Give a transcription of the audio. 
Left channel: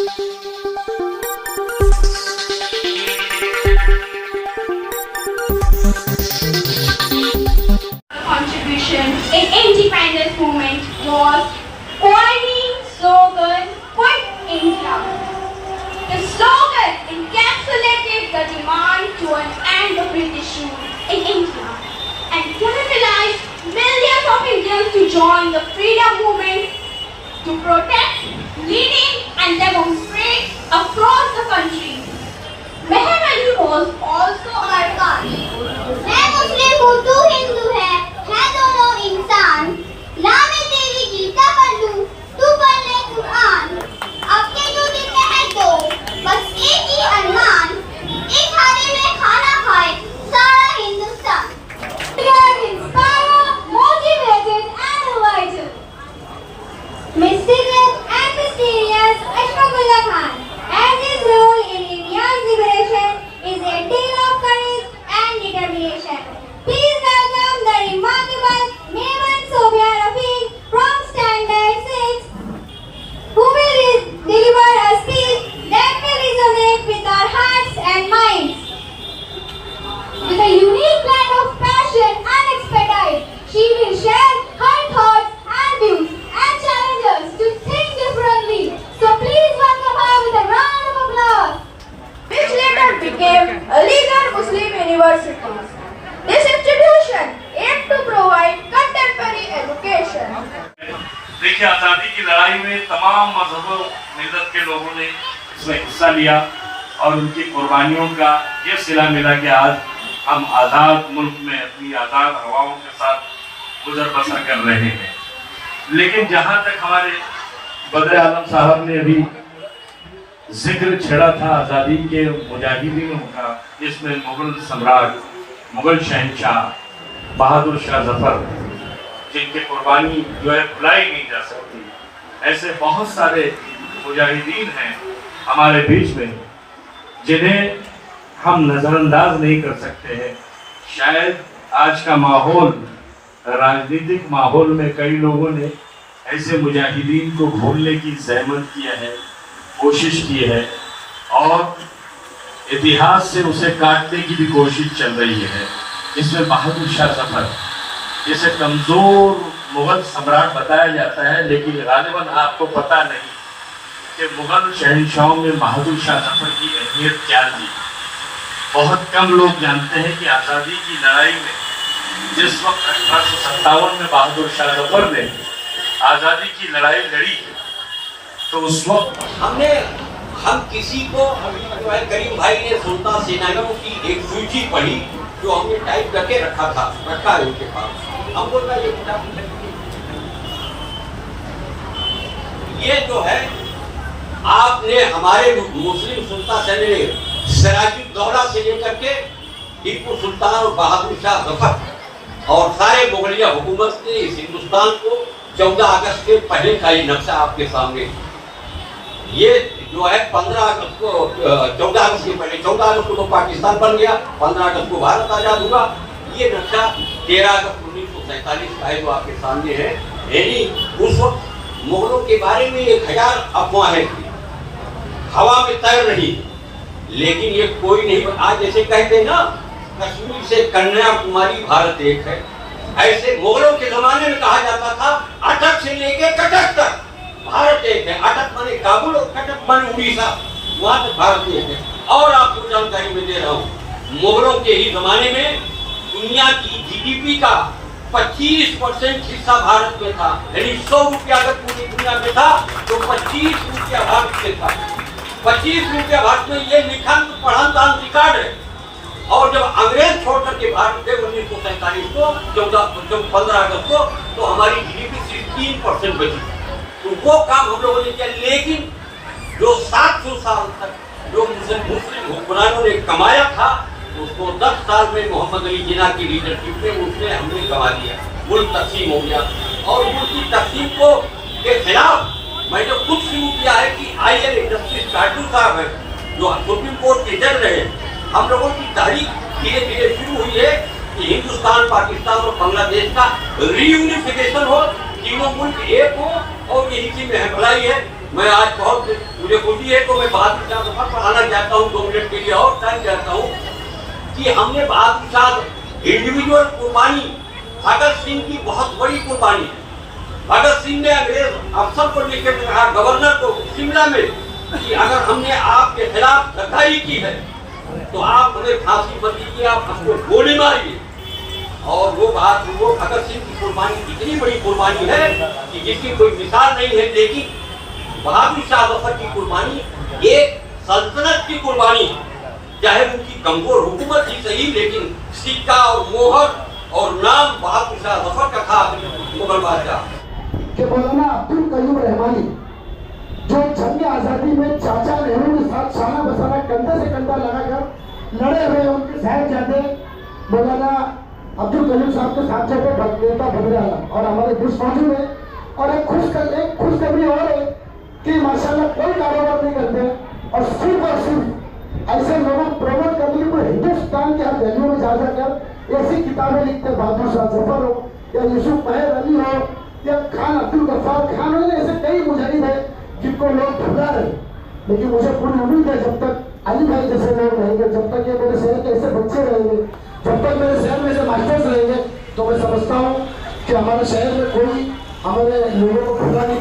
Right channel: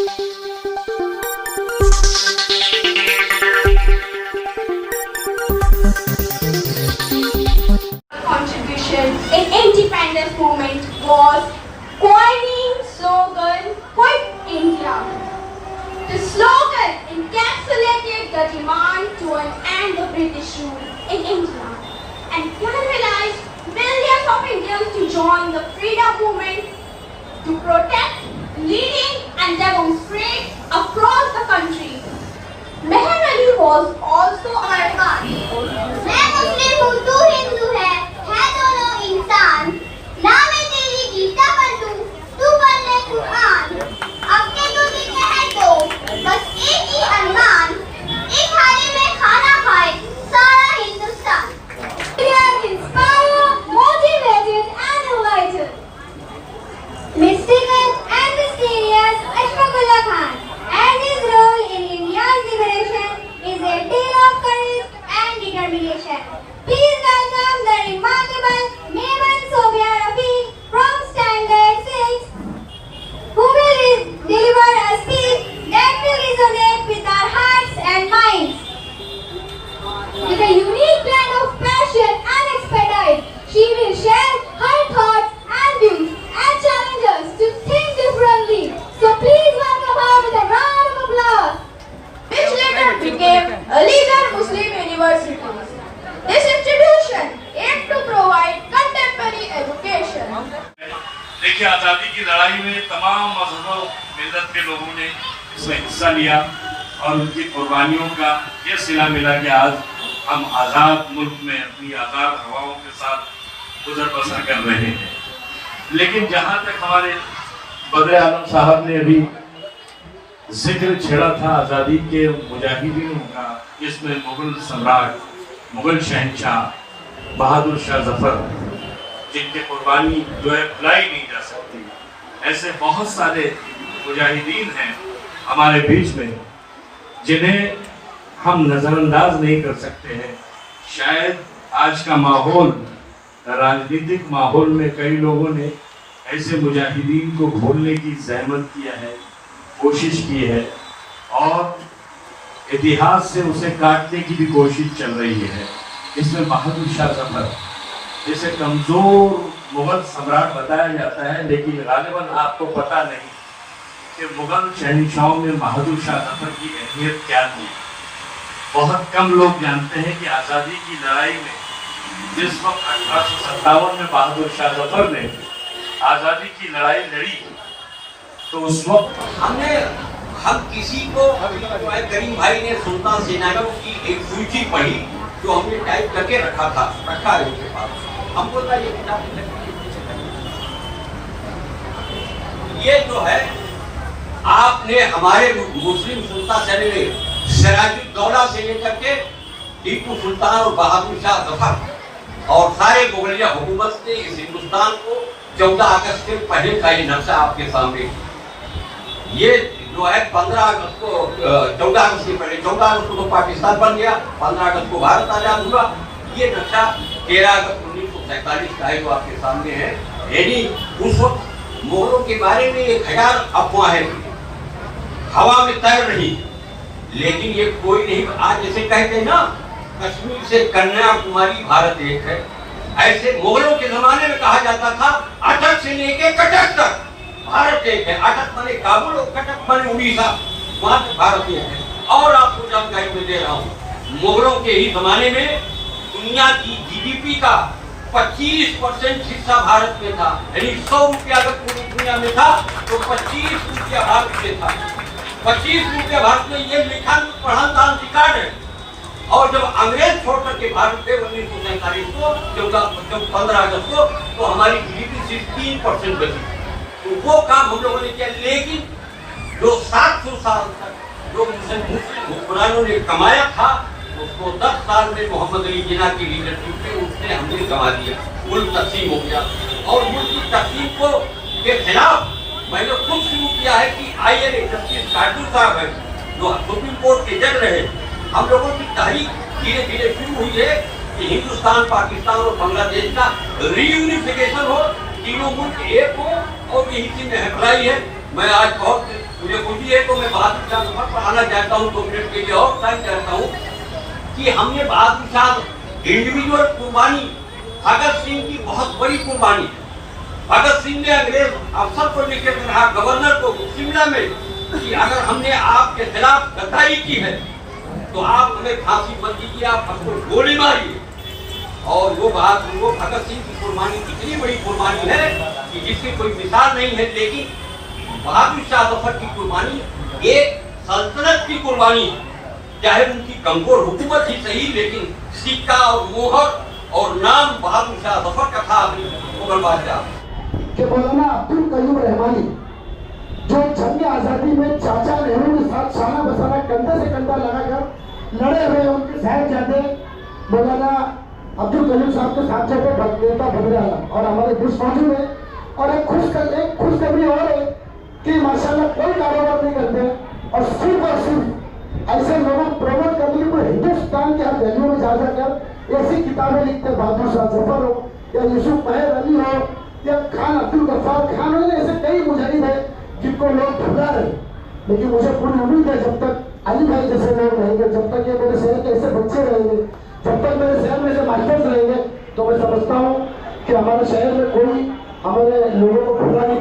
Contribution in independence movement was coining slogan "Quit India." The slogan encapsulated the demand to end the British rule in India and galvanized millions of Indians to join the freedom movement to protest, leading and demonstrate across the country. Meher Ali was also our man. मैं मुस्लिम हूँ तू हिंदू है दोनों इंसान ना मैं तेरी गीता पढ़ लूँ तू पढ़ ले कुरान अपने तो दिन है दो बस एक ही अरमान एक थाली में खाना खाए सारा Hindustan Inspired, motivated and enlightened. Mysterious and mysterious Ashfaqullah Khan and his role in India's liberation is a tale of courage and determination. Please welcome the remarkable Mehman Sophia Rafiq from Standard 6 who will deliver a speech that will resonate with our hearts and minds. With a unique blend of passion and expertise, she will share her thoughts and views and challenge us to think differently. So please welcome her with a round of applause. This later became Aligarh Muslim University. This institution aimed to provide contemporary education. देखिए, आज़ादी की लड़ाई में तमाम मजहबों मिल्लत के लोगों ने इसमें हिस्सा लिया और उनकी कुर्बानियों का ये सिला मिला कि आज हम आज़ाद मुल्क में अपनी आज़ाद हवाओं के साथ गुजर बसर कर रहे हैं। लेकिन जहाँ तक हमारे बदर आलम साहब ने अभी जिक्र छेड़ा था आज़ादी के मुजाहिदीनों का, इसमें मुगल सम्राट, मुगल शहंशाह बहादुर शाह जफर, जिनकी कुर्बानी जो है भुलाई नहीं जा सकती, ऐसे बहुत सारे मुजाहिदीन हैं हमारे बीच में जिन्हें हम नज़रअंदाज नहीं कर सकते हैं। शायद आज का माहौल, राजनीतिक माहौल में कई लोगों ने ऐसे मुजाहिदीन को भूलने की ज़हमत किया है, कोशिश की है और इतिहास से उसे काटने की भी कोशिश चल रही है। इसमें बहादुर शाह जफर जिसे कमज़ोर मुग़ल सम्राट बताया जाता है, लेकिन गालिबन आपको पता नहीं कि मुग़ल शहंशाहों में बहादुर शाह जफर की अहमियत क्या थी। बहुत कम लोग जानते हैं कि आज़ादी की लड़ाई में जिस वक्त 1857 में बहादुर शाह जफर ने आज़ादी की लड़ाई लड़ी तो उस वक्त हम किसी को करीम भाई ने सुल्तान सेनानियों की एक सूची पढ़ी जो हमने टाइप करके रखा है उनके पास। हम बोल रहे ये किताब ये जो है आपने हमारे मुस्लिम सुल्तान सेनानी सिराजुद्दौला से लेकर के टीपू सुल्तान और बहादुर शाह जफर और सारे मुगलिया हुकूमत ने इस हिंदुस्तान को 14 अगस्त के पहले का ही नक्शा आपके सामने, ये जो है 15 अगस्त को 14 अगस्त के पहले 14 अगस्त को तो पाकिस्तान बन गया, 15 अगस्त को भारत आजाद हुआ। ये नक्शा 13 अगस्त 1947 का है जो आपके सामने है। यानी उस वक्त मुगलों के बारे में 1000 अफवाहें थी, हवा में तैर रही, लेकिन ये कोई नहीं। आज जैसे कहते हैं ना कश्मीर से कन्याकुमारी भारत एक है, ऐसे मुगलों के जमाने में कहा जाता था अटक से लेके कटक तक भारत एक है। अटक माने काबुल और कटक माने उड़ीसा, वहां तक भारत एक है। और आपको जानकारी में दे रहा हूँ, मुगलों के ही जमाने में दुनिया की जीडीपी का 25% हिस्सा भारत में था। यानी 100 रुपया अगर पूरी दुनिया में था तो 25 रुपया भारत में था। 25 रुपया भारत में, ये लिखा पढ़ा दान रिकॉर्ड है। और जब अंग्रेज छोड़ करके भारत गए 1947 को 15 अगस्त को, तो हमारी जीडीपी सिर्फ 3% बची। तो वो काम हम लोगों ने किया, लेकिन जो 700 साल तक जो मुस्लिम हुक्मरानों ने कमाया था उसको 10 साल में मोहम्मद अली जिन्ना की लीडरशिप में उसने हमने गवा दिया। मुल्क तकसीम हो गया और मुल्क की तकसीम को के खिलाफ मैंने खुद शुरू किया है कि आईएन जस्टिस काटू साहब है जो सुप्रीम कोर्ट के जज रहे, हम लोगों की तहरीक धीरे धीरे शुरू हुई है कि हिंदुस्तान, पाकिस्तान और बांग्लादेश का रीयूनिफिकेशन हो, तीनों मुल्क एक हो और यही चीज है, भलाई है। मैं आज बहुत मुझे खुशी है तो मैं बहादुर शाह जफर पर आना चाहता हूँ 2 मिनट के लिए और टाइम चाहता हूँ कि हमने बहादुर शाह इंडिविजुअल कुर्बानी, भगत सिंह की बहुत बड़ी कुर्बानी है। भगत सिंह ने अंग्रेज अफसर को लेकर कहा, गवर्नर को शिमला में, कि अगर हमने आपके खिलाफ गद्दारी की है तो आप हमें फांसी मत दीजिए, आप हमको गोली मारिए। और वो भगत सिंह की कुर्बानी इतनी बड़ी कुर्बानी है कि जिसकी कोई मिसाल नहीं है। लेकिन बहादुर शाह जफर की कुर्बानी एक सल्तनत की कुर्बानी है, चाहे उनकी कमजोर हुकूमत ही सही, लेकिन सिक्का और मोहर और नाम बहादुर शाह जफर का था मुगल बादशाह के। मौलाना अब्दुल कयूम रहमानी जो जंग आजादी में चाचा नेहरू के साथ शाना बसाना कंधे से कंधा लगाकर लड़े हुए, उनके साहिबजादे मौलाना अब्दुल कयूम साहब के साथ जो नेता भद्रियाला और हमारे दोस्त मौजूद है। और एक खुशखबरी और है कि माशाल्लाह कोई कारोबार नहीं करते और सिर्फ ऐसे लोगों को प्रमोट करने के लिए हिंदुस्तान के हर गलियों में जा जाकर ऐसी किताबें लिखते, बहादुर शाह जफर हो या यूसुफ महर अली हो या खान अब्दुल गफ्फार खान हो, ऐसे कई मुजाहिद है जिनको लोग भुला रहे। लेकिन मुझे पूरी उम्मीद है जब तक अली भाई जैसे लोग रहेंगे, जब तक ये मेरे शहर के ऐसे बच्चे रहेंगे, जब तक मेरे शहर में से मास्टर्स रहेंगे, तो मैं समझता हूँ कि हमारे शहर में कोई हमारे लोगों को भुला नहीं